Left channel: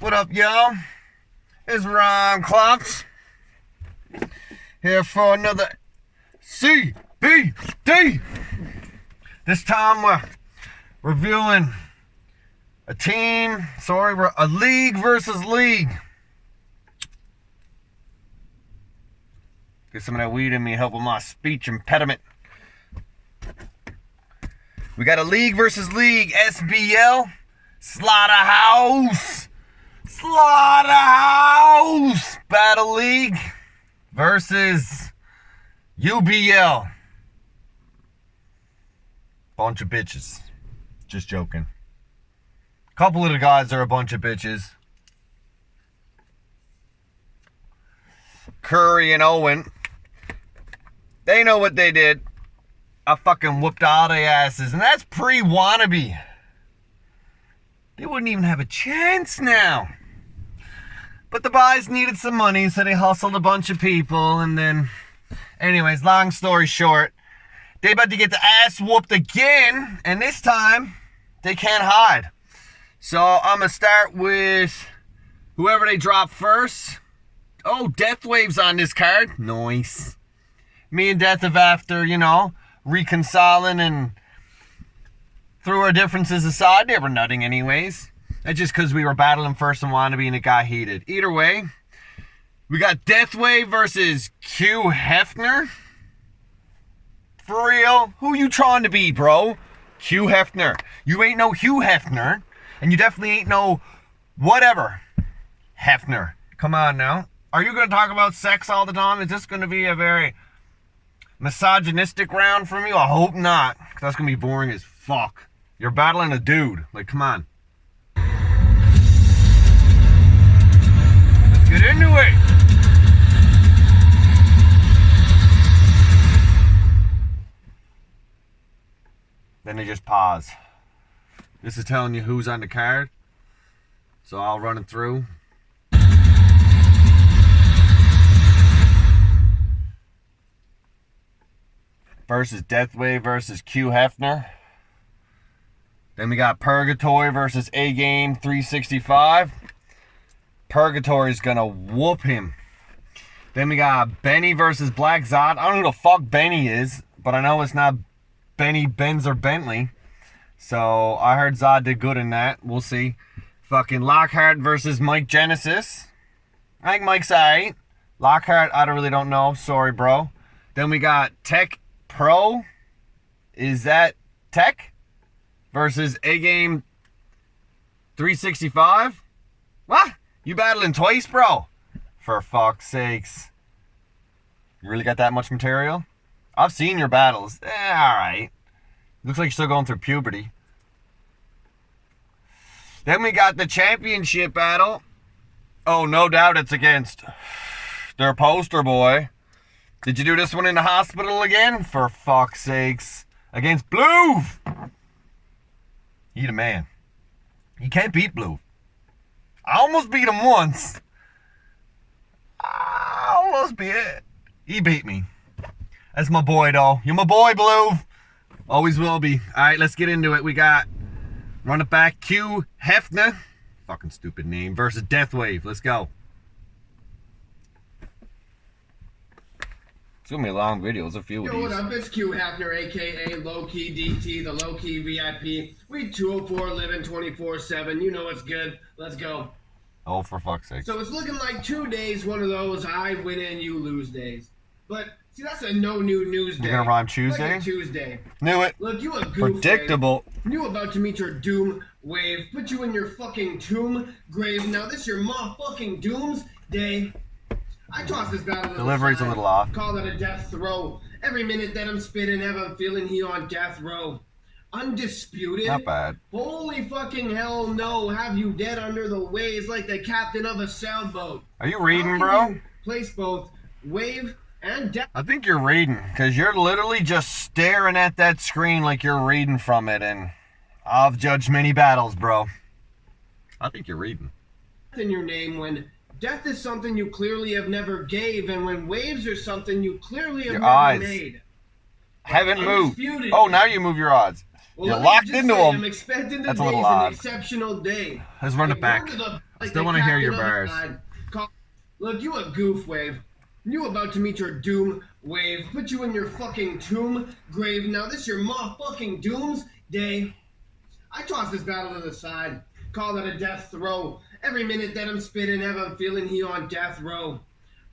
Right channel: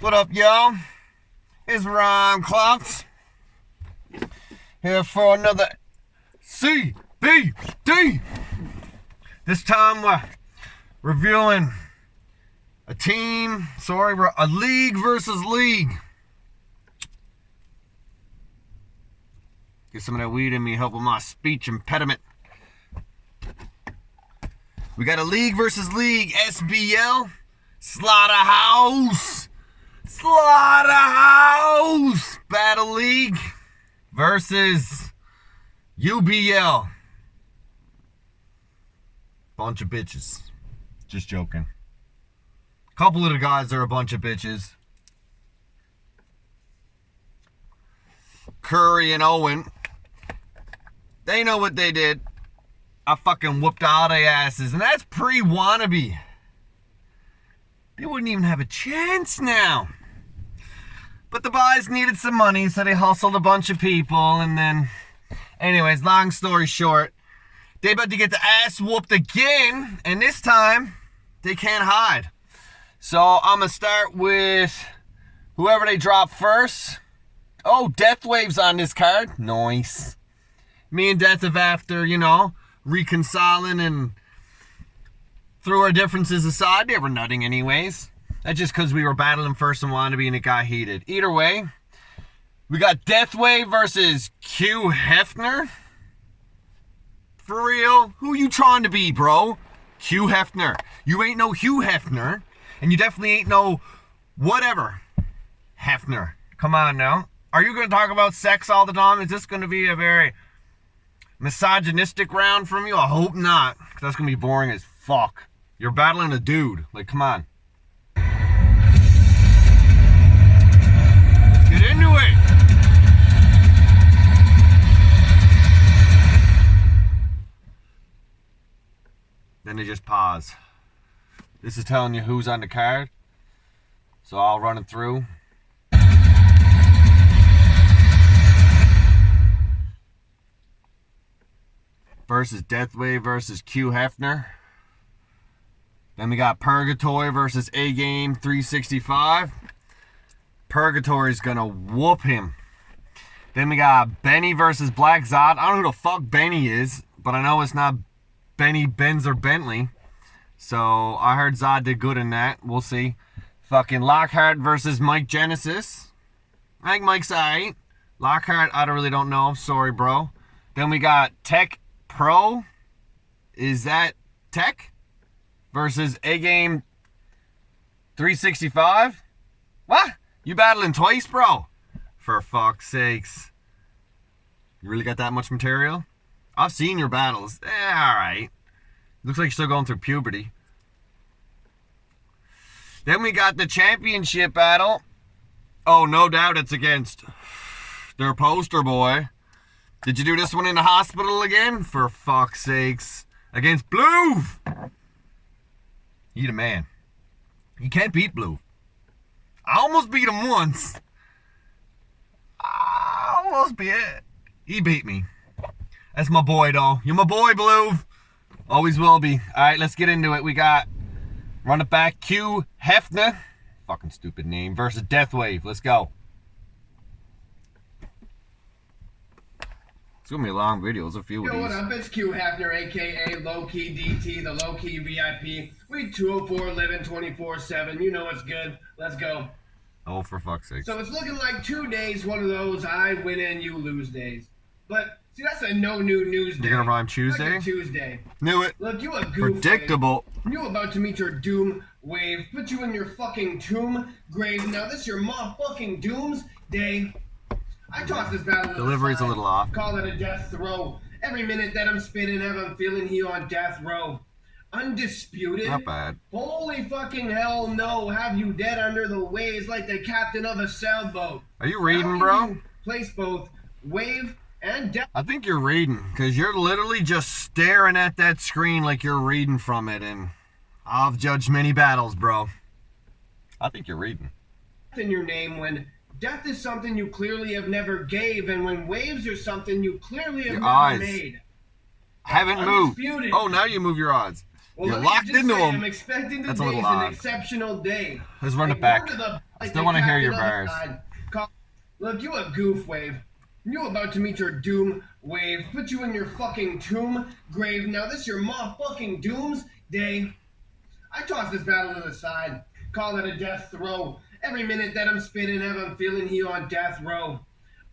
What up, y'all? It's Ron Clocks here for another C.B.D. This time we're reviewing a league versus league. Get some of that weed in me, help with my speech impediment. We got a league versus league, SBL, Slaughterhouse Battle League versus UBL. Bunch of bitches. Just joking. Couple of the guys are a bunch of bitches. Curry and Owen. They know what they did. I fucking whooped all their asses. And that's pre-wannabe. They wouldn't even have a chance now. But the boys needed some money, so they hustled a bunch of people. And then, anyways, long story short, they about to get the ass whooped again. And this time, they can't hide. So I'm going to start with whoever they drop first. Oh, Death Wave's on this card. Nice. Me and Death have, after, reconciling and threw our differences aside. They were nutting anyways. That's just because we were battling first and wannabe and it got heated. Either way, we got Death Wave versus Q Heffner. For real? Who you trying to be, bro? Q Heffner. You ain't no Hugh Heffner. And you definitely ain't no whatever Heffner. Come on now. Are you going to talk about sex all the time? Is this going to be a very misogynistic round from you? I hope not. Because that's going to be boring as fuck. You're battling a dude. Like, come on. Let's get into it. Then they just pause. This is telling you who's on the card. So I'll run it through. Versus Deathwave versus Q Heffner. Then we got Purgatory versus AGame 365. Purgatory's gonna whoop him. Then we got Benny versus Black Zod. I don't know who the fuck Benny is, but I know it's not Benny, Benz, or Bentley. So I heard Zod did good in that. We'll see. Fucking Lockhart versus Mike Genesis. I think Mike's alright. Lockhart, I really don't know. Sorry, bro. Then we got Tek Pro. Is that Tek? Versus AGame 365. What? You battling twice, bro? For fuck's sakes. You really got that much material? I've seen your battles. Alright. Looks like you're still going through puberty. Then we got the championship battle. Oh, no doubt it's against their poster boy. Did you do this one in the hospital again? For fuck's sakes. Against Bluv. He the man. You can't beat Bluv. I almost beat him once. He beat me. That's my boy, though. You're my boy, Bluv. Always will be. Alright, let's get into it. We got run it back Q Heffner. Fucking stupid name. Versus Deathwave. Let's go. It's gonna be a long video. There's a few of these. What up? It's Q Heffner, aka Low Key DT, the Low Key VIP. Week 204, living 24/7. You know it's good. Let's go. Oh, for fuck's sake. So it's looking like 2 days, one of those I win and you lose days. But see, that's a no new news day. You're gonna rhyme Tuesday? Like a Tuesday. Knew it. Look, you a goof. Predictable. Wave. You about to meet your doom wave. Put you in your fucking tomb grave. Now this your motherfucking doomsday. I tossed this battle. Delivery's a little off. Call it a death throw. Every minute that I'm spitting, have a feeling he on death row. Undisputed. Not bad. Holy fucking hell no. Have you dead under the waves like the captain of a sailboat. Are you reading, bro? Place both wave and death. I think you're reading, because you're literally just staring at that screen like you're reading from it, and I've judged many battles, bro. I think you're reading. In your name when death is something you clearly have never gave, and when waves are something you clearly have never made. Haven't moved. Oh, now you move your odds. Well, You're let me locked just into say, them. I'm expecting That's a today's little odd. an exceptional day. Let's run it back. word to the- I still want to hear your captain of bars. the side. Look, you a goof, Wave. You about to meet your doom, Wave. Put you in your fucking tomb, grave. Now this your motherfucking doomsday. I toss this battle to the side. Call it a death throw. Every minute that I'm spitting, have I'm feeling he on death row.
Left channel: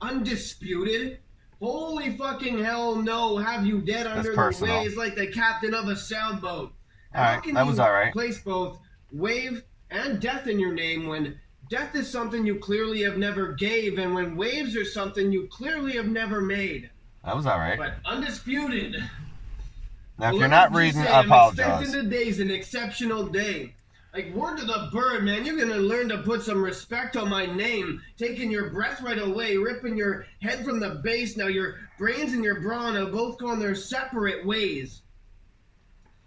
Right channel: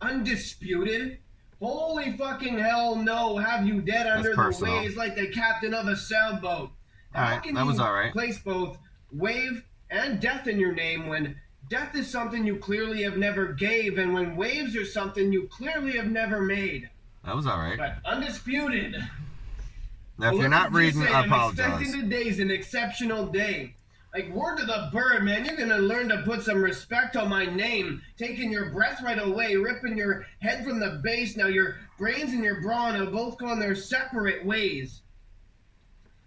Undisputed? Holy fucking hell no. Have you dead under the waves like the captain of a sailboat. Alright, that was alright. Place both wave and death in your name when death is something you clearly have never gave, and when waves are something you clearly have never made. That was alright. But undisputed. Now, if you're not reading, I apologize. I'm expecting today's an exceptional day. Like, word to the bird, man. You're gonna learn to put some respect on my name. Taking your breath right away, ripping your head from the base. Now your brains and your brawn have both gone their separate ways.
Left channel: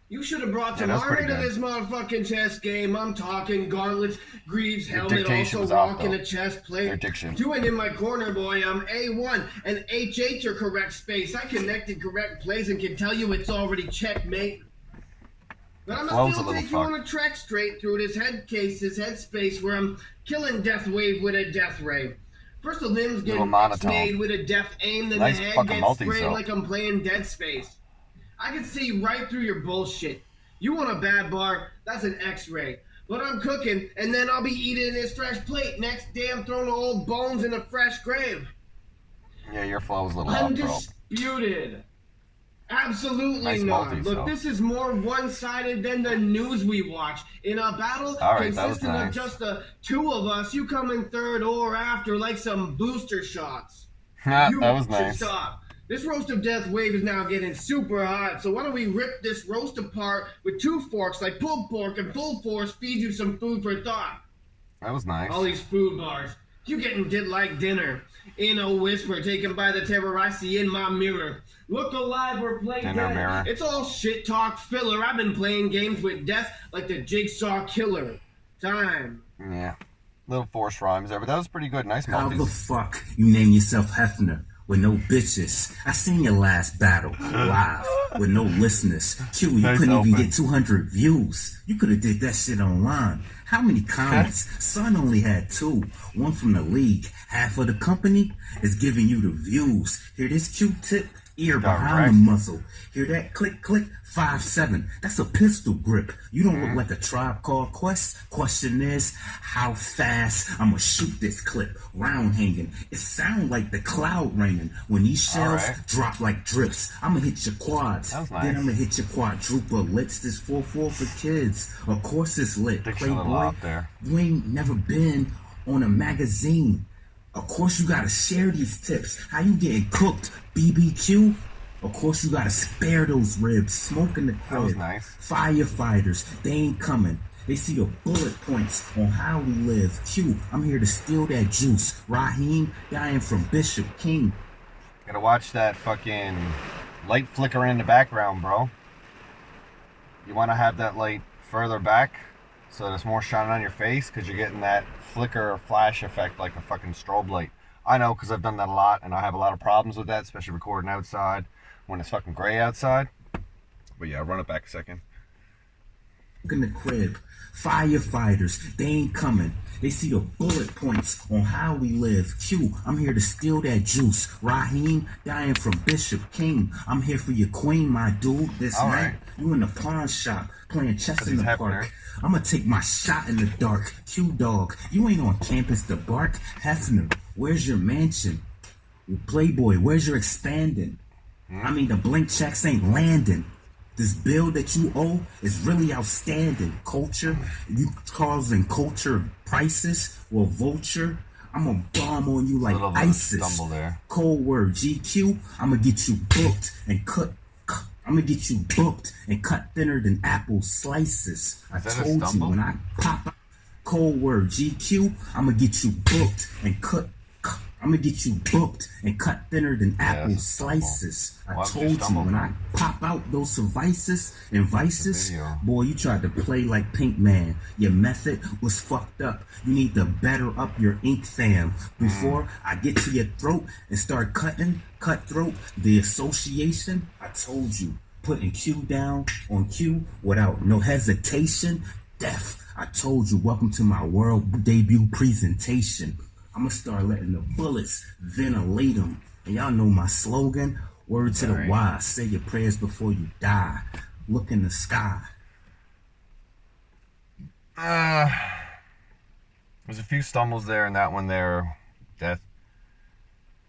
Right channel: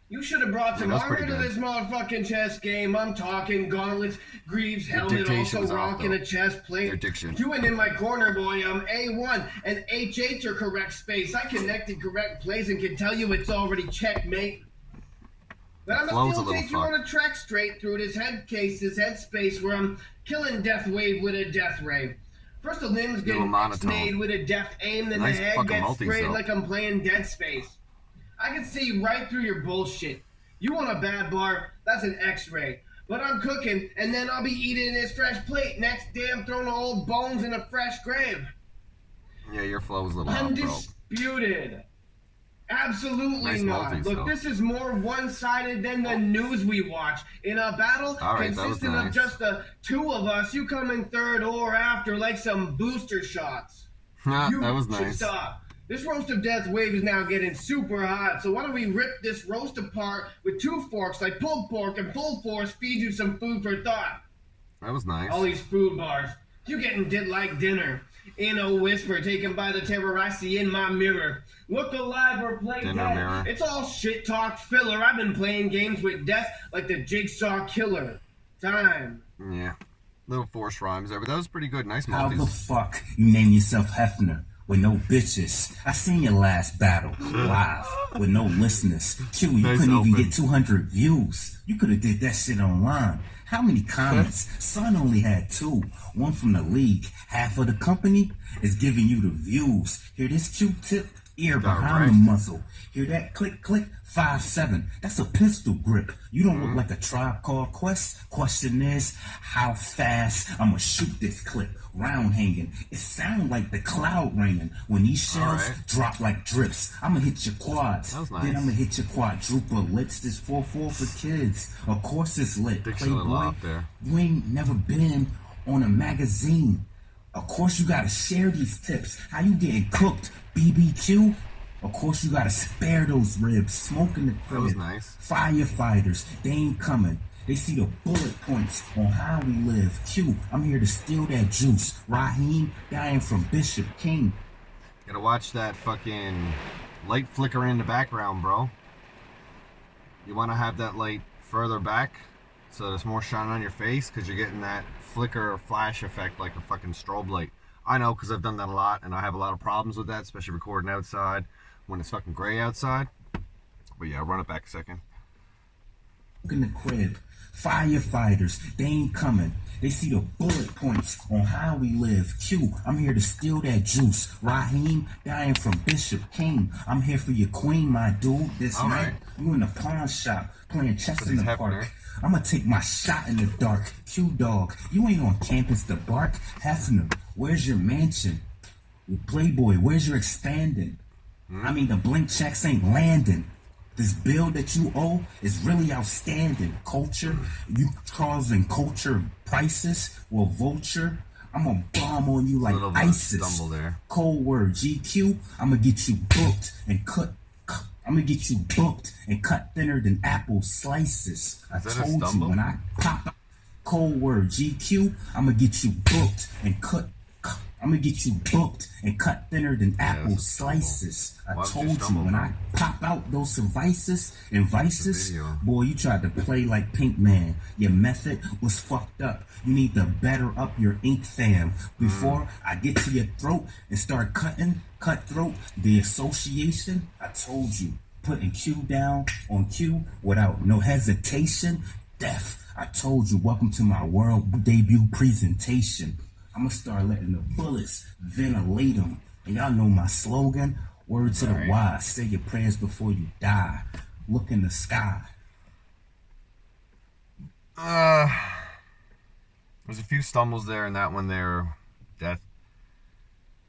You should have brought some armor to this motherfucking chess game. I'm talking gauntlets, greaves, helmet, also rocking a chest plate. Your diction. Doing in my corner, boy. I'm A1 and H8 are correct space. I connected correct plays and can tell you it's already checkmate. But I'm gonna still take you on a trek straight through this head case, this head space where I'm killing Death Wave with a death ray. First the limbs get made with a death aim, then the head gets sprayed like I'm playing Dead Space. I can see right through your bullshit. You want a bad bar? That's an X-ray. But I'm cooking, and then I'll be eating this fresh plate. Next day I'm throwing old bones in a fresh grave. Yeah, your flow is a little off, bro. Undisputed. Absolutely not. Look, this is more one-sided than the news we watch. In a battle consistent of just the two of us, you come in third or after like some booster shots. That was nice. Stop. This roast of death wave is now getting super hot, so why don't we rip this roast apart with two forks like pulled pork and full force feed you some food for thought. That was nice. All these food bars. You getting did like dinner. In a whisper taken by the terror I see in my mirror. Look alive or play dead. It's all shit talk filler. I've been playing games with death like the Jigsaw Killer. Time. Yeah. Little forced rhymes there, but that was pretty good. Nice multis. How the fuck you name yourself Heffner with no bitches? I seen your last battle live with no listeners. Q, you couldn't even get 200 views. You could have did that shit online. How many comments? Son only had 2. One from the league. Half of the company is giving you the views. Hear this Q-tip? Ear behind the muzzle. Hear that click, click? 5.7. That's a pistol grip. You don't look like a Tribe Called Quest. Question is, how fast I'ma shoot this clip? Round hanging. It sound like the cloud raining. When these shells drop like drips, I'ma hit your quads. Then I'ma hit your quadruplets. This 4-4 for kids. Of course it's lit. Playboy, you ain't never been on a magazine. Of course you gotta share these tips. How you getting cooked? BBQ? Of course you gotta spare those ribs. Smoke in the crib. That was nice. Firefighters, they ain't coming. They see the bullet points on how we live. Q, I'm here to steal that juice. Raheem, dying from Bishop King. Gotta watch that fucking light flickering in the background, bro. You wanna have that light further back so there's more shining on your face, because you're getting that flicker or flash effect like a fucking strobe light. I know, because I've done that a lot, and I have a lot of problems with that, especially recording outside when it's fucking gray outside. But yeah, run it back a second. In the crib, firefighters, they ain't coming. They see the bullet points on how we live. Q, I'm here to steal that juice. Raheem, dying from Bishop King. I'm here for your queen, my dude. This night, you in the pawn shop, playing chess in the park. I'm gonna take my shot in the dark. Q-Dog, you ain't on campus to bark. Heffner, where's your mansion? Playboy, where's your expanding? I mean, the blank checks ain't landing. This bill that you owe is really outstanding. Culture, you causing culture crisis. Well, vulture, I'm gonna bomb on you like ISIS. Cold word, GQ, I'm gonna get you booked and cut. I'm gonna get you booked and cut thinner than apple slices. I told you when I pop out. Cold word, GQ, I'm gonna get you booked and cut. I'm gonna get you booked and cut thinner than apple slices. I told you when I pop out those vices and vices, boy, you tried to play like Pink Man. Your method was fucked up. You need to better up your ink, fam. Before I get to your throat and start cutting, cutthroat, the association, I told you. putting Q down on Q without no hesitation. Death. I told you, welcome to my world debut presentation. I'ma start letting the bullets ventilate them. And y'all know my slogan, word to the wise, say your prayers before you die. Look in the sky. There's a few stumbles there, and that one there, Death.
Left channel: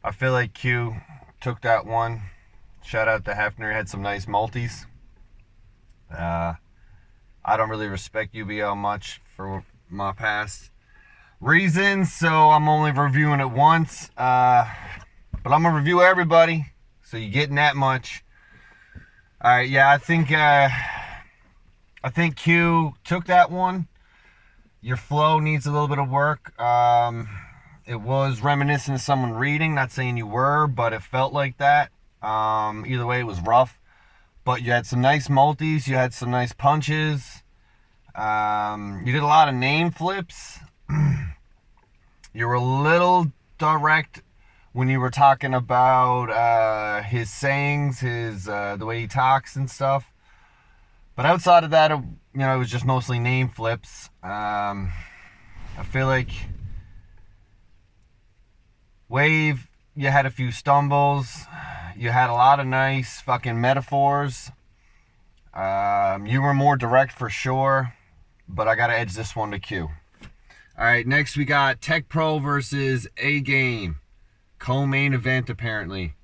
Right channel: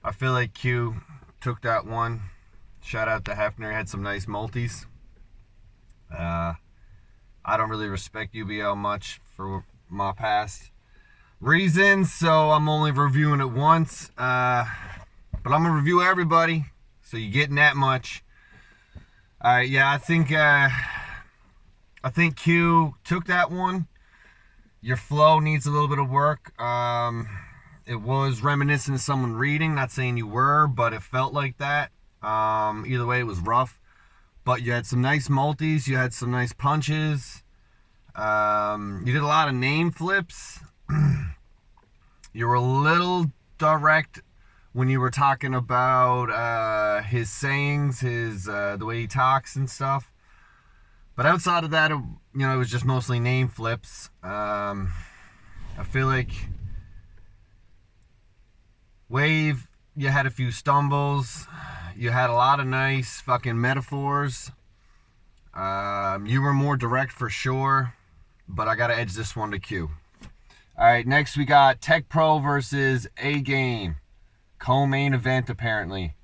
I feel like Q took that one. Shout out to Heffner, had some nice multis. I don't really respect UBL much for my past reasons, so I'm only reviewing it once. But I'm gonna review everybody, so you're getting that much. All right, yeah, I think Q took that one. Your flow needs a little bit of work. It was reminiscent of someone reading, not saying you were, but it felt like that. Either way, it was rough. But you had some nice multis, you had some nice punches. You did a lot of name flips. You were a little direct when you were talking about his sayings, the way he talks and stuff. But outside of that, it was just mostly name flips. I feel like Wave, you had a few stumbles. You had a lot of nice fucking metaphors. You were more direct for sure, but I gotta edge this one to Q. All right, next we got Tek Pro versus AGame. Co-main event, apparently.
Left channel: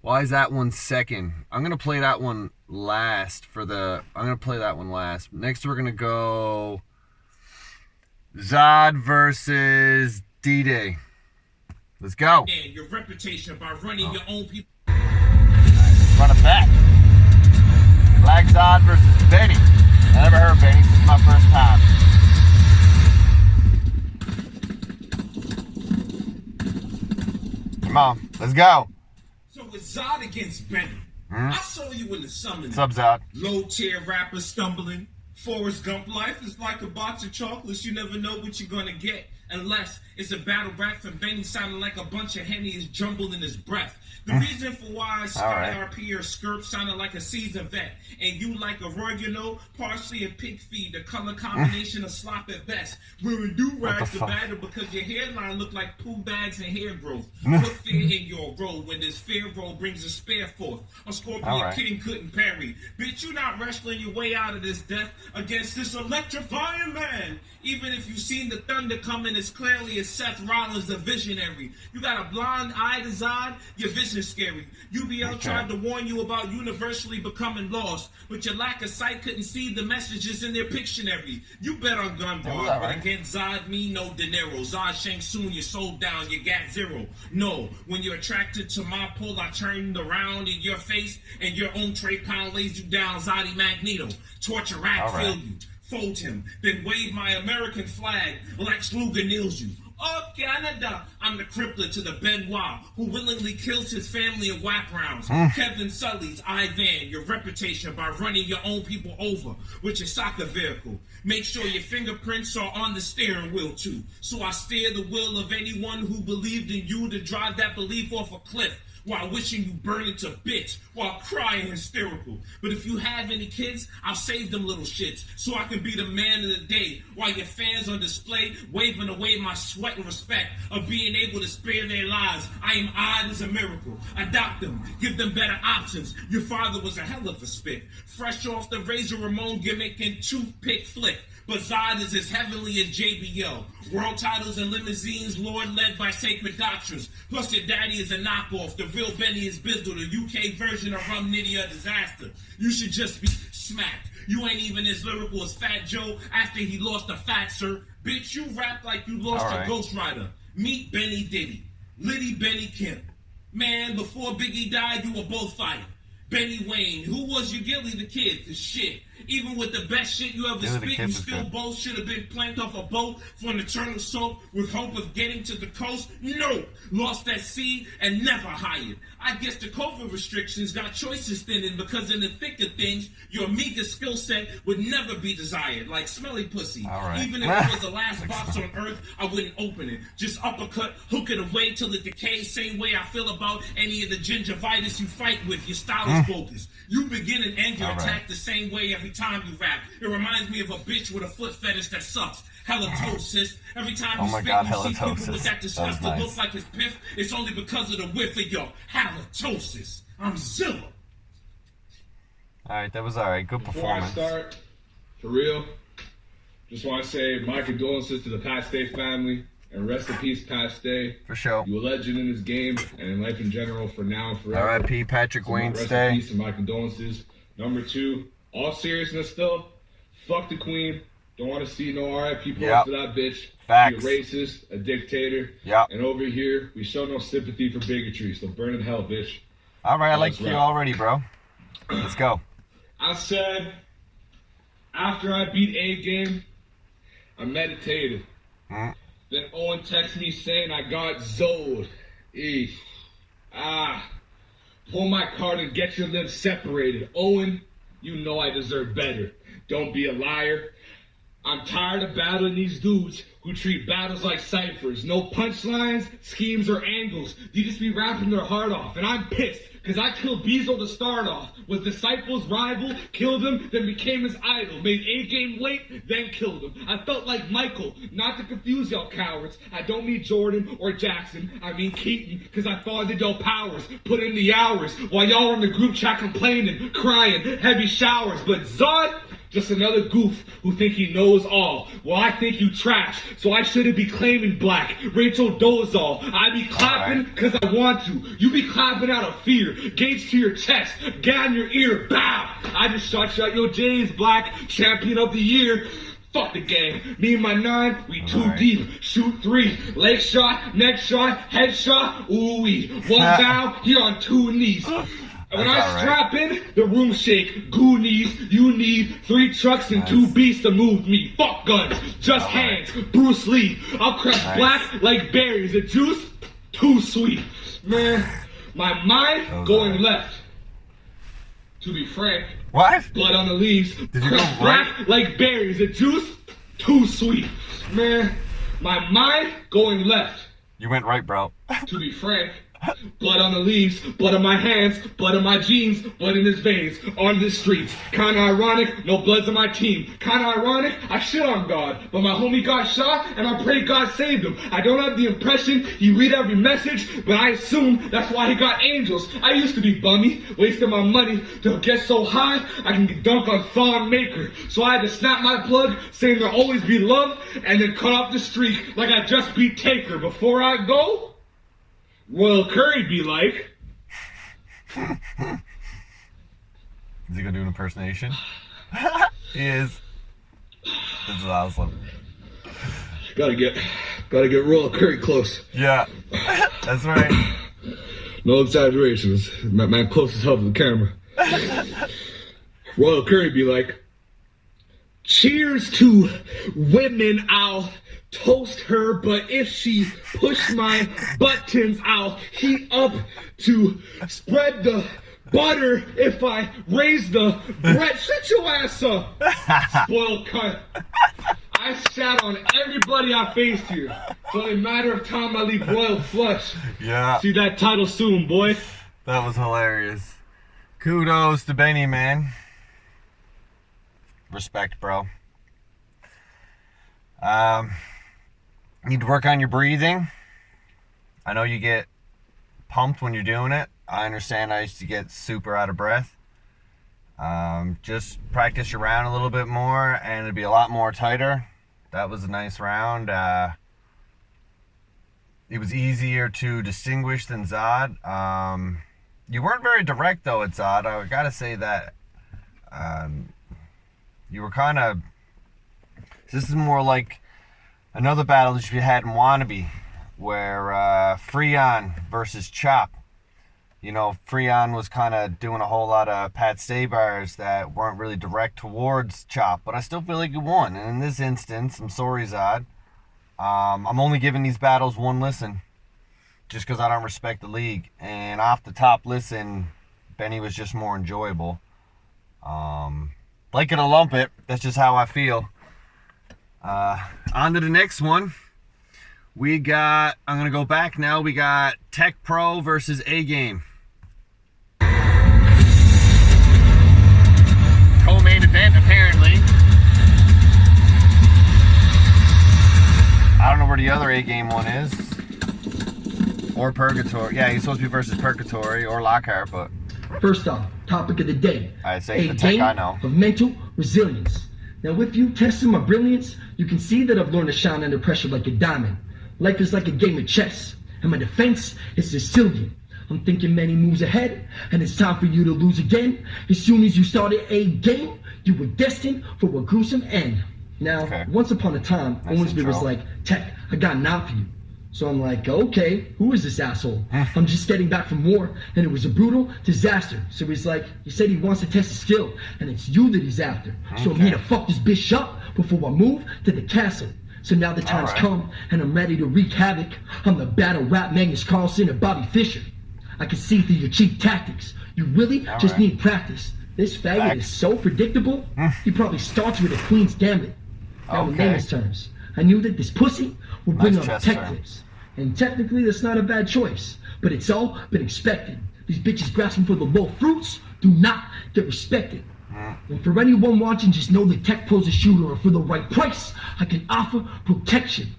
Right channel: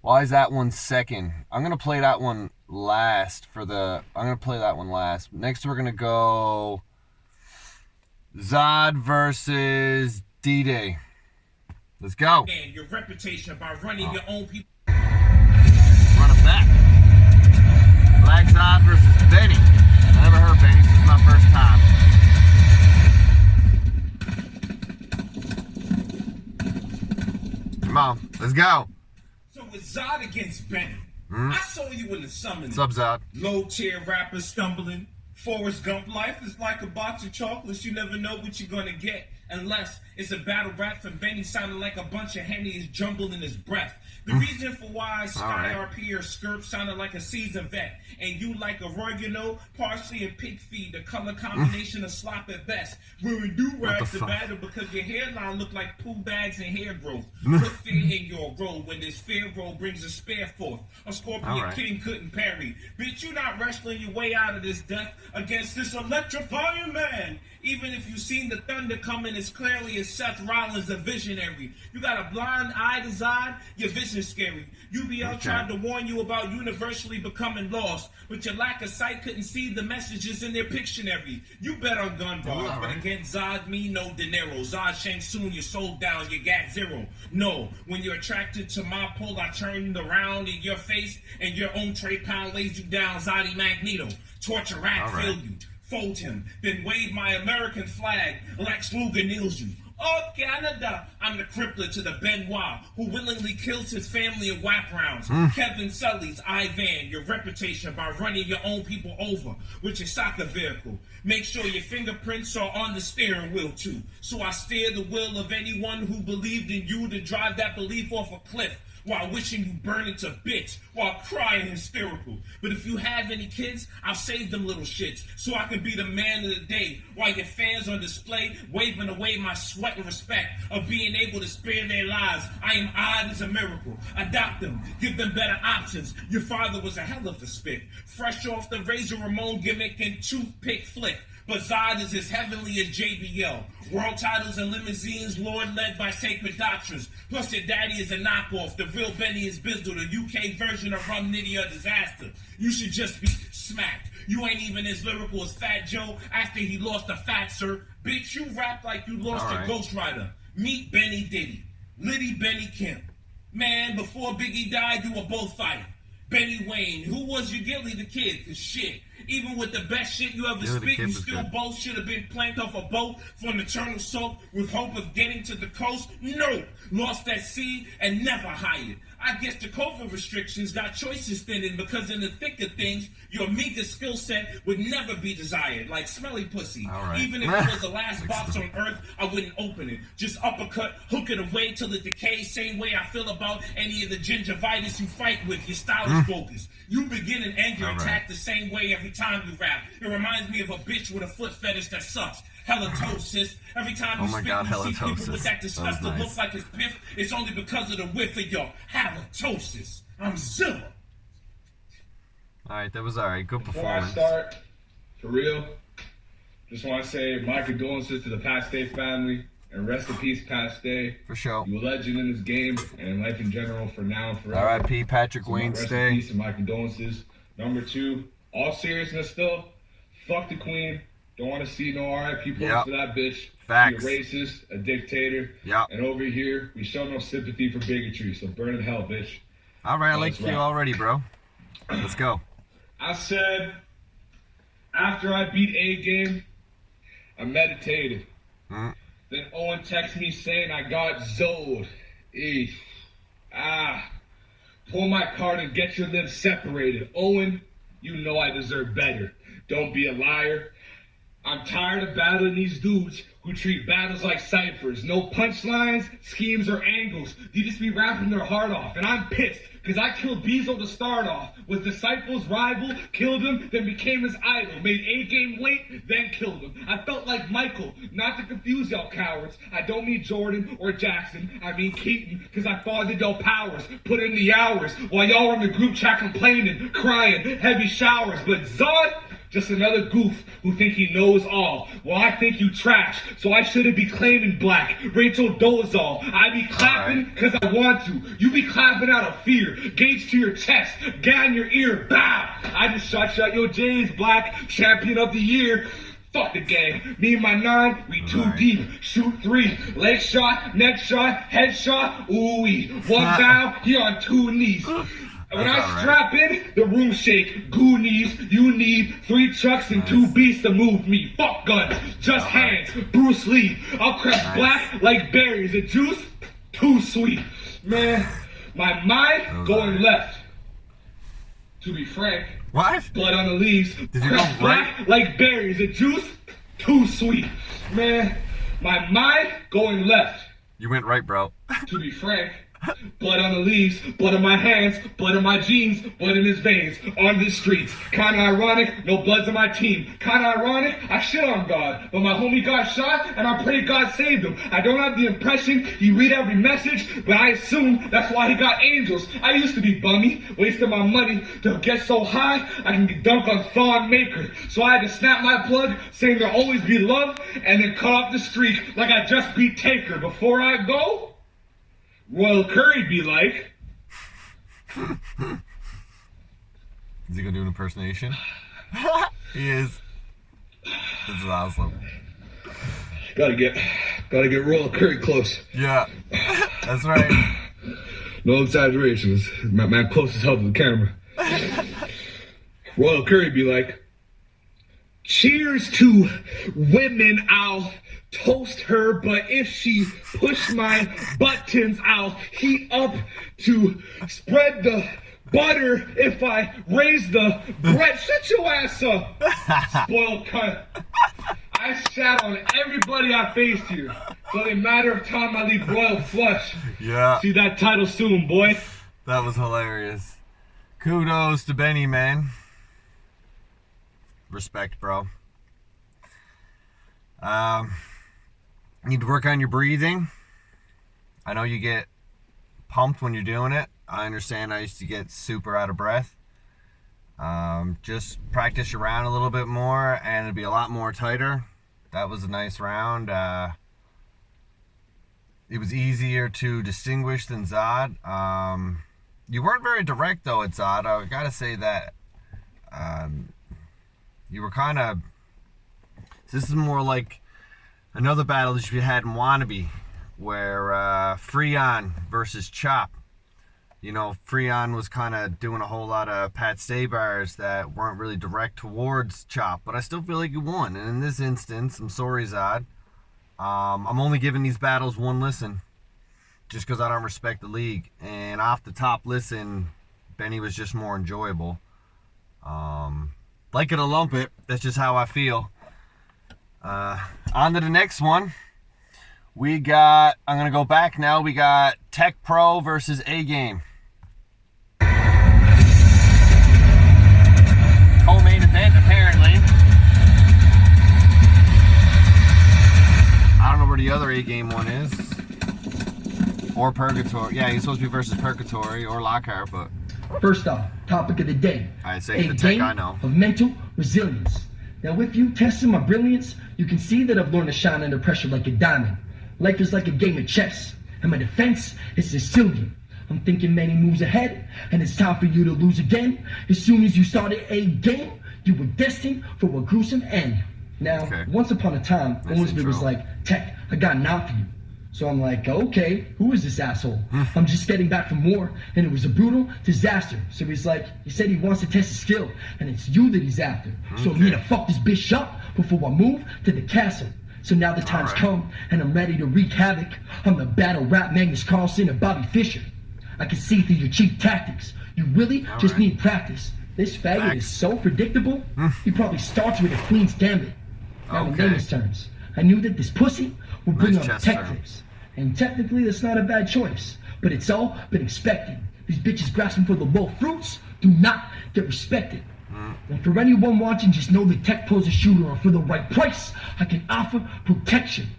Why is that one second? I'm gonna play that one last Next we're gonna go Zod versus D-Day. Let's go. And your reputation by running your own people. Right, run it back. Black Zod versus Benny. I never heard Benny. This is my first time. Come on, let's go. So it's Zod against Benny. I saw you in the summer. What's up, Zod? Low tier rapper stumbling. Forrest Gump life is like a box of chocolates. You never know what you're gonna get unless it's a battle rap from Benny sounding like a bunch of Henny is jumbled in his breath. The reason for why Sky RP or Skirp sounded like a seasoned vet, and you like a oregano, parsley, and pig feed, the color combination of slop at best. Wearing do-rags the battle because your hairline look like poo bags and hair growth. Put fear in your roll when this fair roll brings a spare forth. A Scorpion King couldn't parry. Bitch, you not wrestling your way out of this death against this electrifying man. Even if you seen the thunder coming as clearly as Seth Rollins, the visionary. You got a blind eye design, your vision's scary. UBL tried to warn you about universally becoming lost, but your lack of sight couldn't see the messages in their Pictionary. You bet on gun bar, but against Zod, me, no dinero. Zod Shang Soon, you sold down, you got zero. No, when you're attracted to my pull, I turned around in your face, and your own Trey Pound lays you down, Zoddy Magneto. Torture rap, feel you. Fold him, then wave my American flag. Lex Luger kneels you. Oh, Canada, I'm the crippler to the Benoit, who willingly kills his family in whack rounds. Kevin Sully's Ivan, your reputation by running your own people over with your soccer vehicle. Make sure your fingerprints are on the steering wheel too, so I steer the will of anyone who believed in you to drive that belief off a cliff. While wishing you burn it to bitch, while crying hysterical. But if you have any kids, I'll save them little shits, so I can be the man of the day, while your fans on display, waving away my sweat and respect of being able to spare their lives. I am odd as a miracle. Adopt them, give them better options. Your father was a hell of a spit, fresh off the Razor Ramon gimmick and toothpick flick. But Zod is as heavenly as JBL. World titles and limousines, Lord led by sacred doctrines. Plus your daddy is a knockoff. The real Benny is Bizzle, the UK version of Rum Nitty or Disaster. You should just be smacked. You ain't even as lyrical as Fat Joe after he lost a fat sir. Bitch, you rap like you lost a Ghost Rider. Meet Benny Diddy. Liddy Benny Kemp. Man, before Biggie died, you were both fighting. Benny Wayne, who was your Gilly the Kid? 'Cause shit, Even with the best shit you ever spit, you still both should have been planked off a boat for an eternal soak with hope of getting to the coast. No, lost at sea and never hired. I guess the COVID restrictions got choices thinning because in the thick of things, your meager skill set would never be desired, like smelly pussy. Right. Even if it was the last box on earth, I wouldn't open it. Just uppercut, hook it away till it decays. Same way I feel about any of the gingivitis you fight with. Your style is bogus. You begin an anger attack the same way every time you rap. It reminds me of a bitch with a foot fetish that sucks. Halitosis. Every time you speak, you see people with that disgusting look like his piff. It's only because of the whiff of your halitosis. I'm Zilla. Alright, that was alright. Good performance. Before I start, for real, just want to say my condolences to the Pat Stay family. And rest in peace, Pat Stay. For sure. You a legend in this game and in life in general for now and forever. R.I.P. Patrick Wayne Rest Stay. in peace and my condolences. Number 2, all seriousness though, fuck the queen. Don't want to see no R.I.P. post to that bitch. Facts. She a racist, a dictator. Yep. And over here, we show no sympathy for bigotry, so burn in hell, bitch. Alright, I like you already, bro. Let's go. I said, after I beat AGame, I meditated. Then Owen texted me saying I got Zoed. Pull my card and get your limbs separated. Owen, you know I deserve better. Don't be a liar. I'm tired of battling these dudes who treat battles like ciphers. No punchlines, schemes, or angles. They just be rapping their heart off. And I'm pissed because I killed Bezo to start off. Was Disciples' rival, killed him, then became his idol. Made AGame late, then killed him. I felt like Michael, not to confuse y'all cowards. I don't mean Jordan or Jackson. I mean Keaton, because I fathered y'all powers. Put in the hours while y'all were in the group chat complaining, crying, heavy showers. But Zod, just another goof who think he knows all. Well, I think you trash, so I shouldn't be claiming black. Rachel Dolezal, I be clapping because I want to. You be clapping out of fear. Gauge to your chest, gat in your ear, bow. I just shot your Jay's black champion of the year. Fuck the game. Me and my 9, we too deep. Shoot 3, leg shot, neck shot, head shot. Ooh-wee. One bow, you're on 2 knees. When I strap in, the room shake. Goonies, you need 3 trucks and 2 beasts to move me. Fuck guns, just hands. Bruce Lee. I'll crack black like berries. The juice, too sweet. Man, my mind going left. To be frank. What? Blood on the leaves. Did you go right? Black like berries. The juice, too sweet. Man, my mind going left. You went right, bro. To be frank. Blood on the leaves, blood on my hands, blood on my jeans, blood in his veins, on the streets. Kinda ironic, no bloods on my team. Kinda ironic, I shit on God, but my homie got shot and I pray God saved him. I don't have the impression he read every message, but I assume that's why he got angels. I used to be bummy, wasting my money to get so high I can dunk on Thon Maker. So I had to snap my plug, saying there'll always be love, and then cut off the streak like I just beat Taker. Before I go, Royal Curry be like. Is he gonna do an impersonation? He is. This is awesome. Gotta get Royal Curry close. Yeah, that's right. No exaggerations. My closest help to the camera. Royal Curry be like, cheers to women, I'll toast her, but if she push my buttons, I'll heat up to spread the butter. If I raise the bread, shut your ass up, spoiled cunt. I sat on everybody I faced here. It's only a matter of time I leave royal flush. Yeah. See that title soon, boy. That was hilarious. Kudos to Benny, man. Respect, bro. Need to work on your breathing. I know you get pumped when you're doing it. I understand I used to get super out of breath. Just practice your round a little bit more and it'll be a lot more tighter. That was a nice round. It was easier to distinguish than Zod. You weren't very direct though at Zod. I gotta say that you were kind of... This is more like another battle that you had in Wannabe, where Freon versus Chop. you know, Freon was kind of doing a whole lot of Pat Stay bars that weren't really direct towards Chop, but I still feel like he won. And in this instance, I'm sorry, Zod. I'm only giving these battles one listen, just because I don't respect the league. And off the top listen, Benny was just more enjoyable. Like it or lump it, that's just how I feel. On to the next one. We got, I'm going to go back now, we got Tek Pro versus AGame. Co-main event, apparently. I don't know where the other AGame one is. Or Purgatory. Yeah, he's supposed to be versus Purgatory or Lockhart, but... First off, topic of the day. I say the Tek I know. Of mental resilience. Now, if you tested my brilliance, you can see that I've learned to shine under pressure like a diamond. Life is like a game of chess, and my defense is Sicilian. I'm thinking many moves ahead, and it's time for you to lose again. As soon as you started a game, you were destined for a gruesome end. Now, once upon a time, Owensby was like, Tek, I got an out for you. So I'm like, okay, who is this asshole? I'm just getting back from war, and it was a brutal disaster. So he's like, he said he wants to test his skill, and it's you that he's after. So I'm here to fuck this bitch up before I move to the castle. So now the time's come, and I'm ready to wreak havoc. I'm the battle rap Magnus Carlsen and Bobby Fischer. I can see through your cheap tactics. You really just need practice. This faggot is so predictable, he probably starts with a Queen's Gambit. Now in layman's terms, I knew that this pussy would bring on tech tips. And technically that's not a bad choice, but it's all been expected. These bitches grasping for the low fruits do not get respected. And for anyone watching, just know that Tek Pro's a shooter, and for the right price, I can offer protection.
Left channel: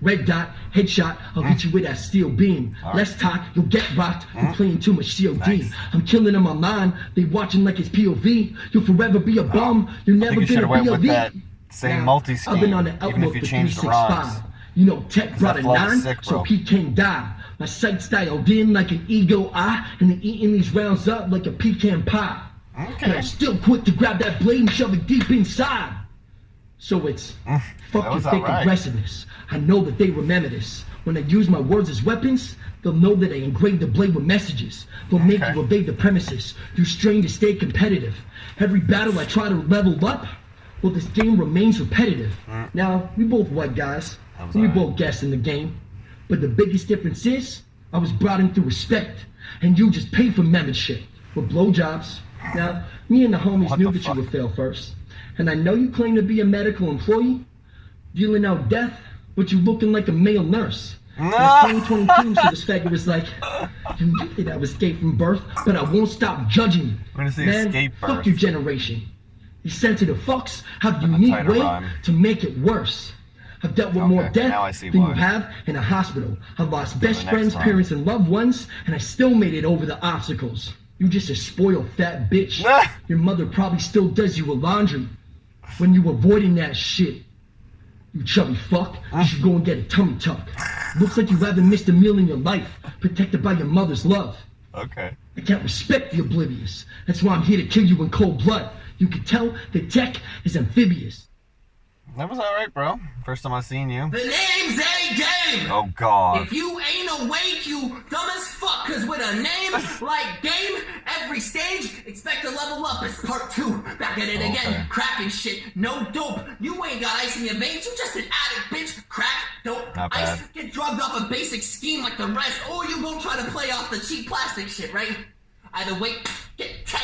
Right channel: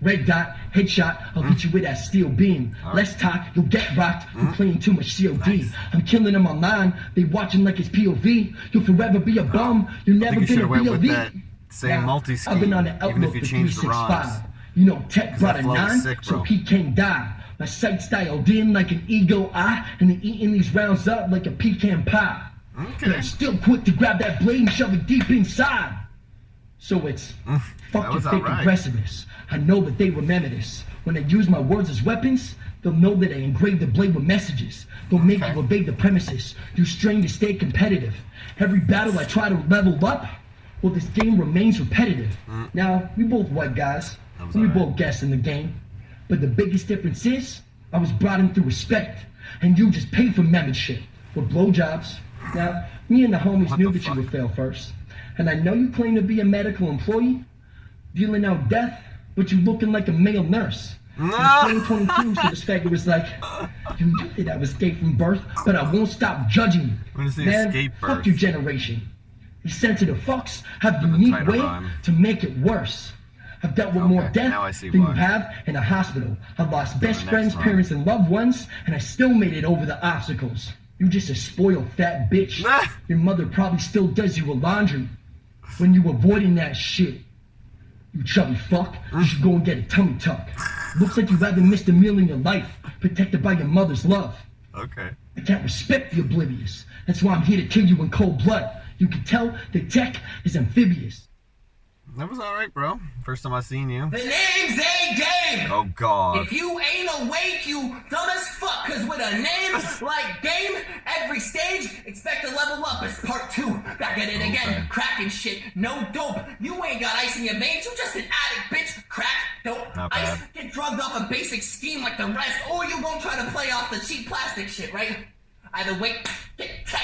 Red dot, headshot, I'll hit you with that steel beam. Less talk, you'll get rocked. You're playing too much COD. I'm killing them online, they watching like it's POV. You'll forever be a bum, you're never been a POV. Same multi-scheme, I've been on the even if outlook you for change the rhymes. 365. You know, Tek brought a 9, sick, so he can't die. My sight's dialed in like an ego eye, and then eating these rounds up like a pecan pie. But I'm still quick to grab that blade and shove it deep inside. So it's fuck your fake aggressiveness. I know that they remember this. When I use my words as weapons, they'll know that I engraved the blade with messages. They'll make you evade the premises. You strain to stay competitive. Every battle I try to level up, well, this game remains repetitive. Now, we both white guys. We both guessed in the game. But the biggest difference is, I was brought in through respect, and you just paid for membership with blowjobs. Now, me and the homies knew that you would fail first. And I know you claim to be a medical employee, dealing out death, but you looking like a male nurse. It's 2022, so this faggot was like, you knew that I was gay from birth, but I won't stop judging you. Man, fuck your generation. These sensitive fucks have a unique way to make it worse. I've dealt with more death than you have in a hospital. I've lost best friends, parents, and loved ones, and I still made it over the obstacles. You just a spoiled fat bitch. Your mother probably still does you a laundry when you avoiding that shit. You chubby fuck, you should go and get a tummy tuck. Looks like you haven't missed a meal in your life, protected by your mother's love. I can't respect the oblivious. That's why I'm here to kill you in cold blood. You can tell that Tek is amphibious. That was alright, bro. First time I seen you. The name's AGame! Oh, God. If you ain't awake, you dumb as fuck, cause with a name like Game, every stage, expect to level up as part 2. Back at it again, cracking shit, no dope. You ain't got ice in your veins, you just an addict, bitch. Crack, dope, Not ice, bad. get drugged off a basic scheme like the rest, or you won't try to play off the cheap plastic shit, right? Either way, get Tek.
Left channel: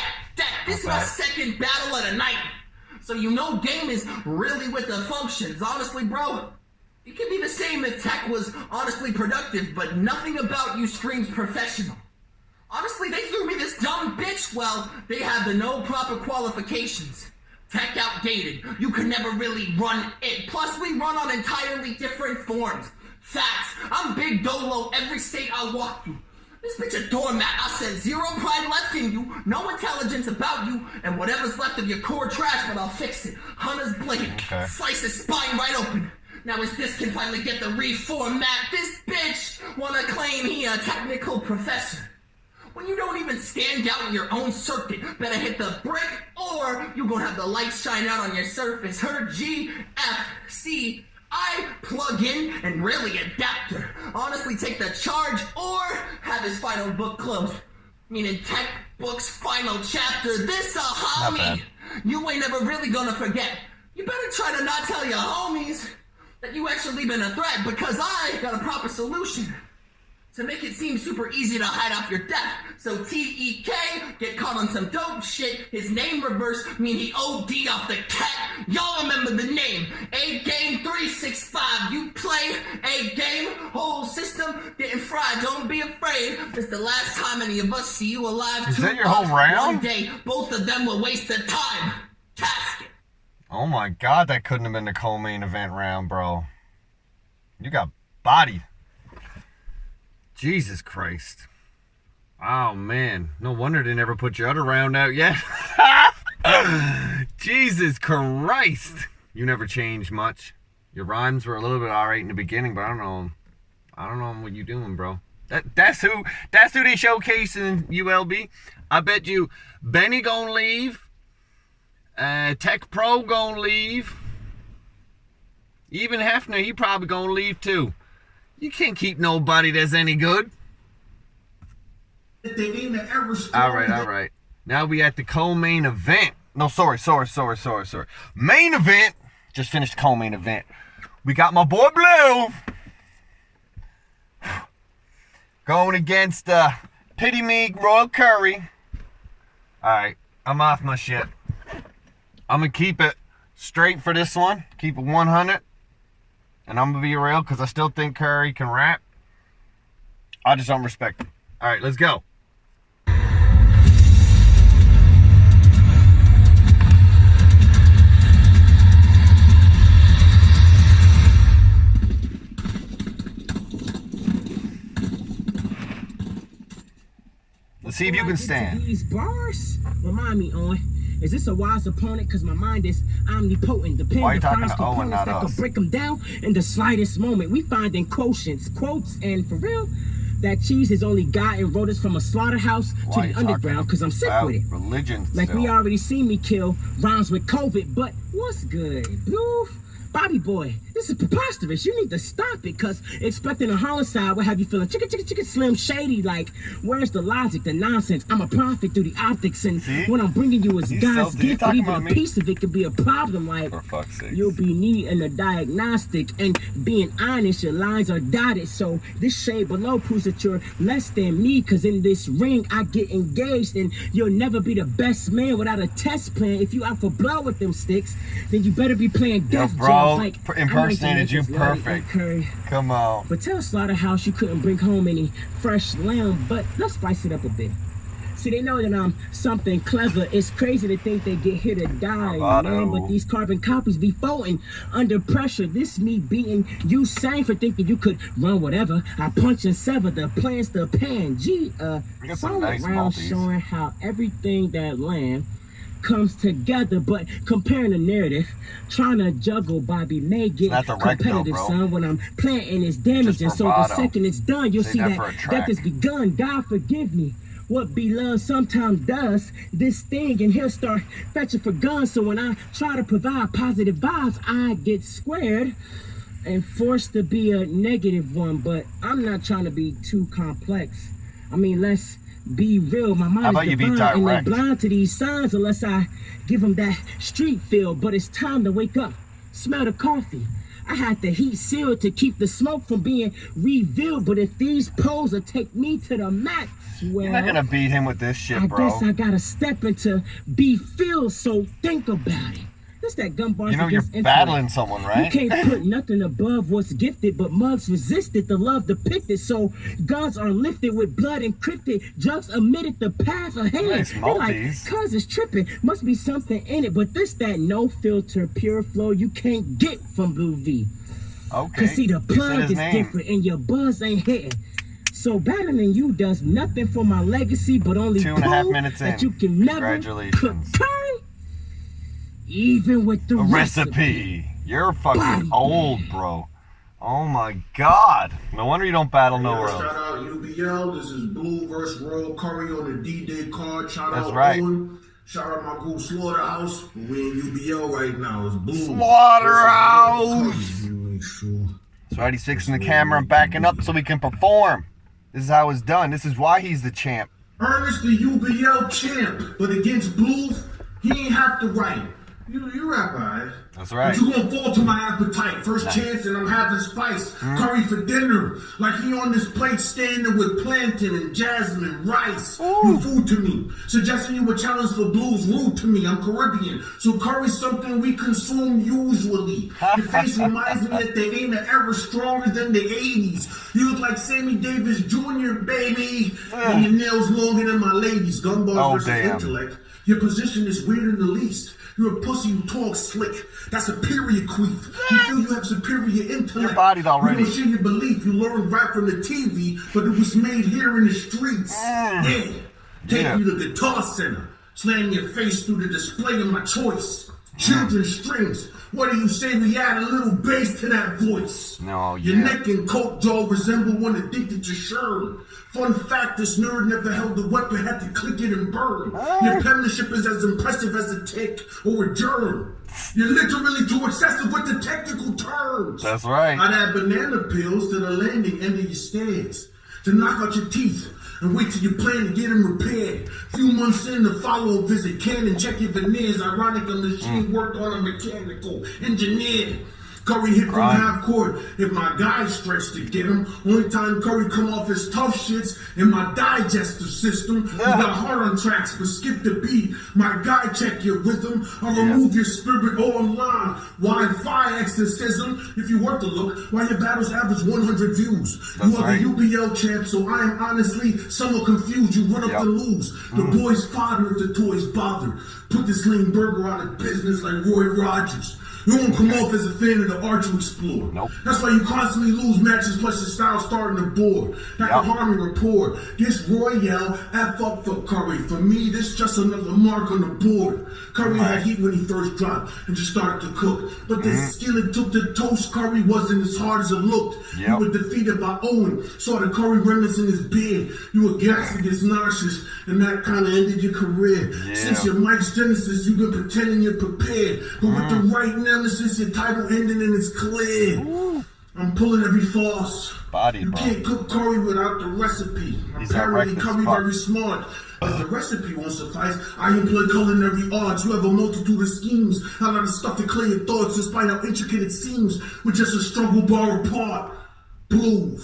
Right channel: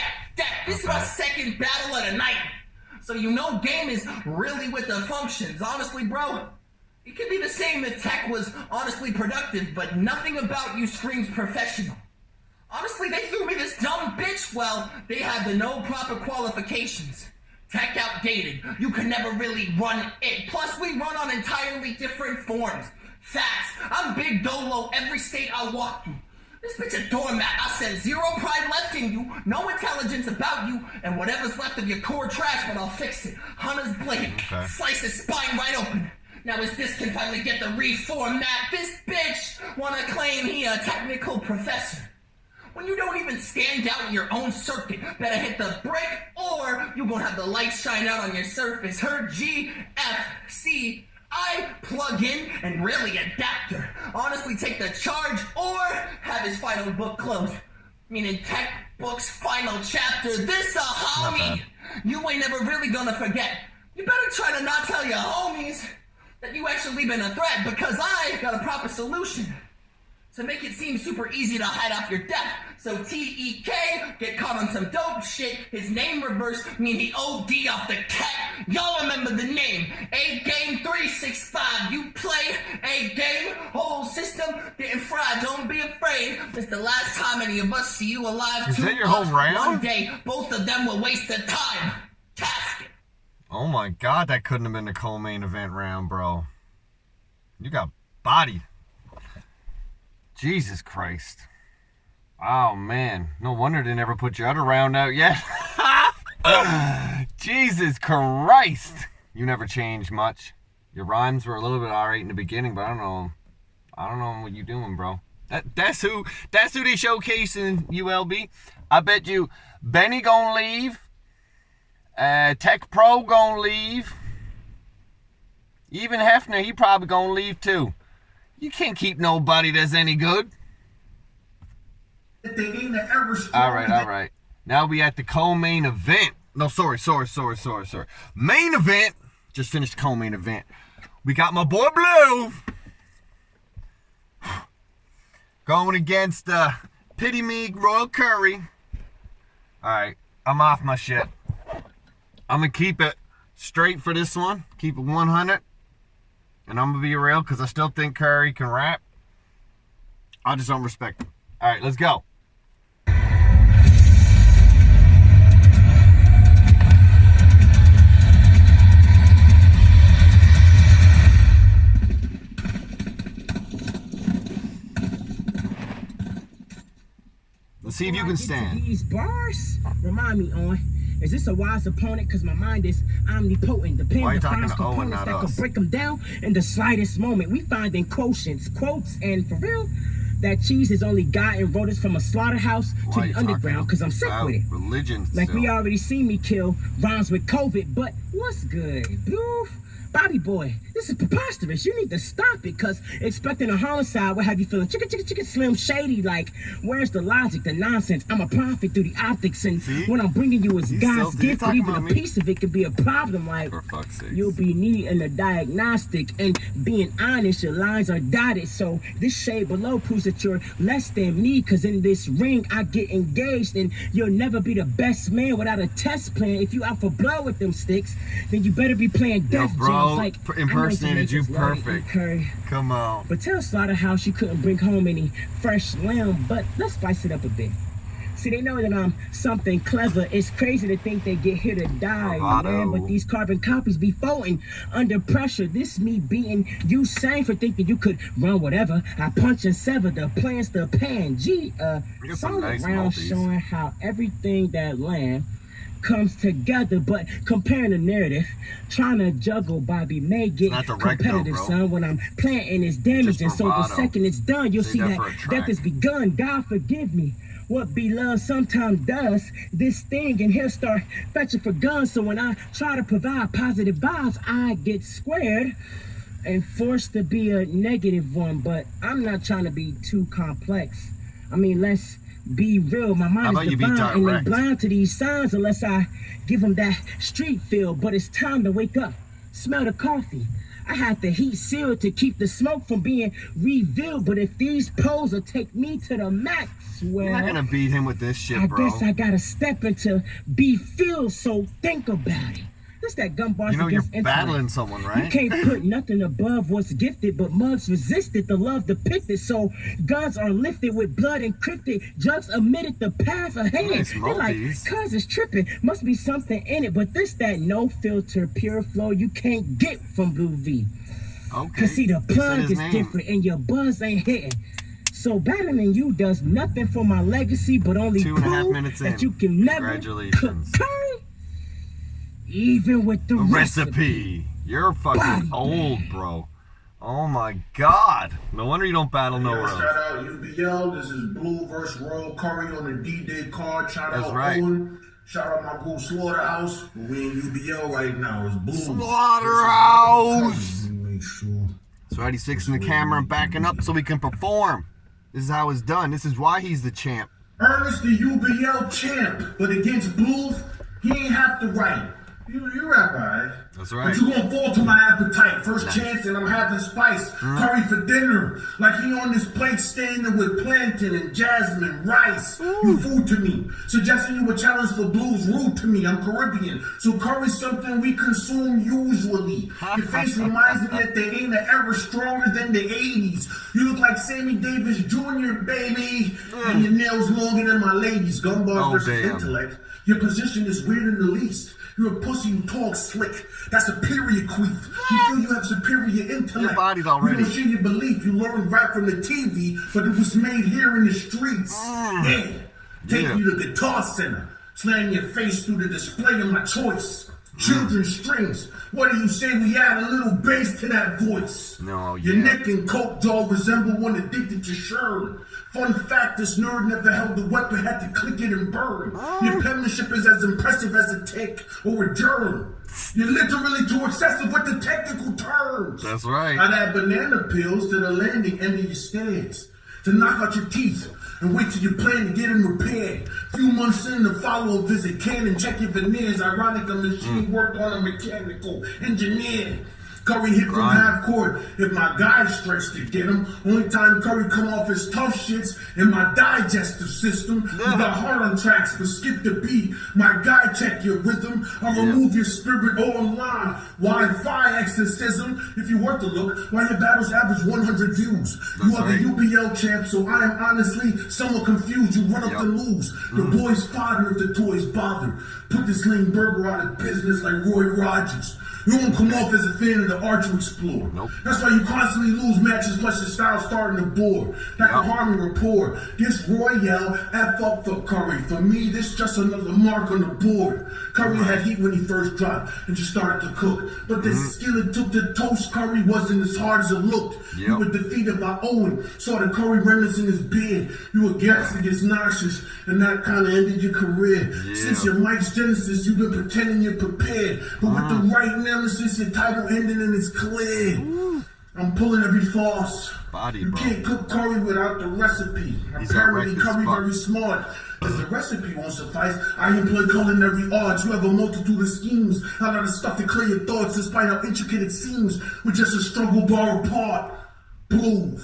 This is my second battle of the night. So you know Game is really with the functions. Honestly, bro, it could be the same if Tek was honestly productive, but nothing about you screams professional. Honestly, they threw me this dumb bitch. Well, they had the no proper qualifications. Tek outdated. You could never really run it. Plus, we run on entirely different forms. Facts. I'm Big Dolo every state I walk through. This bitch a doormat. I said 0 pride left in you, no intelligence about you, and whatever's left of your core trash, but I'll fix it. Hunter's blade, slice his spine right open. Now his disc can finally get the reformat. This bitch wanna claim he a technical professor. When you don't even stand out in your own circuit, better hit the brick, or you gonna have the lights shine out on your surface. Her G, F, C, I plug in and really adapter. Honestly, take the charge or have his final book closed. Meaning textbook's final chapter. This a Not bad. homie. You ain't never really gonna forget. You better try to not tell your homies that you actually been a threat, because I got a proper solution to make it seem super easy to hide off your death. So T.E.K. get caught on some dope shit. His name reversed, mean he O.D. off the cat. Y'all remember the name. AGame 365. You play AGame. Whole system getting fried. Don't be afraid. It's the last time any of us see you alive. Is that your whole round? One day, both of them will waste the time. Task it. Oh my God, that couldn't have been the co-main event round, bro. You got bodied. Jesus Christ. Oh, man. No wonder they never put your other round out yet. Jesus Christ. You never changed much. Your rhymes were a little bit alright in the beginning, but I don't know what you doing, bro. That's who they showcased in ULB. I bet you Benny gonna leave. Tek Pro gonna leave. Even Heffner, he probably gonna leave too. You can't keep nobody that's any good. All right. Now we at the co-main event. No, sorry. Main event. Just finished the co-main event. We got my boy Bluv going against Pity Me Royal Curry. All right, I'm off my shit. I'm gonna keep it straight for this one. Keep it 100. And I'm going to be real because I still think Curry can rap. I just don't respect him. All right, let's go. Let's see if you can stand. These bars remind me on. Is this a wise opponent? Because my mind is omnipotent. Depending Why are you upon talking to Owen, not that us? could break them down in the slightest moment. We finding quotients, quotes, and for real, that cheese is only gotten rodents from a slaughterhouse to the underground. Because I'm sick with it. Religion. Like we already seen me kill rhymes with COVID, but what's good, Bluv? Bobby boy, this is preposterous. You need to stop it, because expecting a homicide will have you feeling chicken, slim shady. Like, where's the logic, the nonsense? I'm a prophet through the optics, and what I'm bringing you is God's gift, but even a piece of it could be a problem. Like, for fuck's sake. You'll be needing a diagnostic, and being honest, your lines are dotted. So this shade below proves that you're less than me, because in this ring, I get engaged, and you'll never be the best man without a test plan. If you out for blood with them sticks, then you better be playing death bro. Like, Impersonated you perfect. Come on. But tell Slaughterhouse you couldn't bring home any fresh lamb, but let's spice it up a bit. See, they know that I'm something clever. It's crazy to think they get here to die, man. But these carbon copies be floating under pressure. This me beating you sang for thinking you could run whatever. I punch and sever the plans to pan. Song nice around showing how everything that land comes together, but comparing the narrative, trying to juggle Bobby May getting competitive, son. When I'm planting is damaging, so the second it's done, you'll see that death has begun. God forgive me. What Bluv sometimes does, this thing, and he'll start fetching for guns. So when I try to provide positive vibes, I get squared and forced to be a negative one. But I'm not trying to be too complex. I mean, let's be real. My mind is divine, and they're blind to these signs unless I give them that street feel. But it's time to wake up, smell the coffee. I had the heat sealed to keep the smoke from being revealed. But if these poles will take me to the max, well, you're not gonna beat him with this shit, bro. I guess I gotta step into be filled, so think about it. That's that gun bars. You know you're battling someone, right? You can't put nothing above what's gifted, but mugs resisted the love depicted. So guns are lifted with blood encrypted. Drugs omitted the path ahead. Nice, they're like, cuz it's tripping. Must be something in it, but this that no filter, pure flow you can't get from Bluv. Okay. Cause see the plug is different and your buzz ain't hitting. So battling you does nothing for my legacy, but only 2.5 minutes in. That you can never Congratulations. Even with the recipe. You're fucking old, bro. Oh my God. No wonder you don't battle nowhere else. Shout out UBL. This is Bluv versus Royal Curry on the D-Day card. Shout out right. Owen. Shout out my cool Slaughterhouse. We in UBL right now. It's Bluv. Slaughterhouse. That's right. He's fixing the camera and backing up so we can perform. This is how it's done. This is why he's the champ. Ernest the UBL champ, but against Bluv, he ain't have to write. You rap, alright? That's right. But you gonna fall to my appetite. First chance and I'm having spice. Curry for dinner. Like he on this plate standing with plantain and jasmine, rice. You food to me. Suggesting you a challenge for Bluv's rude to me. I'm Caribbean. So curry's something we consume usually. Your face reminds me that there ain't an era stronger than the 80s. You look like Sammy Davis Jr., baby. And your nails longer than my ladies. Gunbar versus intellect. Your position is weird in the least. You're a pussy who talks slick. That's superior queef. You feel you have superior intellect. You bodied already. You don't share your belief. You learn rap from the TV, but it was made here in the streets. Yeah. Take you to Guitar Center. Slam your face through the display of my choice. Children's strings. What do you say we add a little bass to that voice? No, Your neck and coat jaw resemble one addicted to Sherm. Fun fact, this nerd never held the weapon, had to click it and burn. Your penmanship is as impressive as a tick or a germ. You're literally too excessive with the technical terms. That's right. I'd add banana peels to the landing end of your stairs to knock out your teeth and wait till you plan to get them repaired. Few months in, the follow-up visit can and check your veneers. Ironic, the machine worked on a mechanical engineer. Curry hit from half court if my guy stretched to get him. Only time Curry come off his tough shits in my digestive system. You got hard on tracks, but skip the beat. My guy check your rhythm. I'll remove your spirit online. Wi-Fi exorcism. If you were to look, why your battles average 100 views. You are the UBL champ, so I am honestly somewhat confused. You run up to lose. The boys fodder if the toys bother. Put this lame burger out of business like Roy Rogers. You won't come off as a fan of the art you explore. That's why you constantly lose matches, plus your style starting to bore. Like a harmony rapport. This Royale, F up for Curry. For me, this just another mark on the board. Curry had heat when he first dropped and just started to cook. But the skill it took to toast Curry wasn't as hard as it looked. You were defeated by Owen. Saw the Curry remnants in his beard. You were gassed against nauseous, and that kind of ended your career. Since your Mike's Genesis, you've been pretending you're prepared. But with the right nemesis, your title ended and it's clear. I'm pulling every false. You can't cook curry without the recipe. Apparently, Curry very smart. As the recipe won't suffice, I employ culinary arts. You have a multitude of schemes. A lot of stuff to clear your thoughts, despite how intricate it seems. We're just a struggle bar apart. Bluv.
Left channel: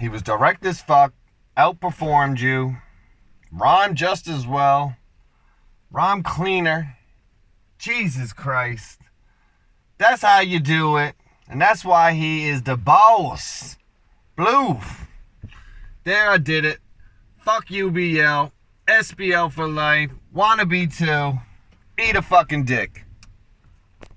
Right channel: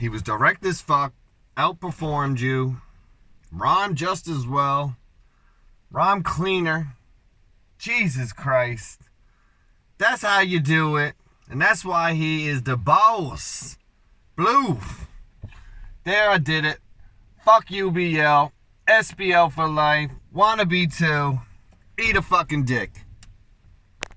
He was direct as fuck, outperformed you, rhymed just as well, rhymed cleaner. Jesus Christ. That's how you do it. And that's why he is the boss. Bluv. There, I did it. Fuck UBL. SBL for life. Wannabe 2. Eat a fucking dick.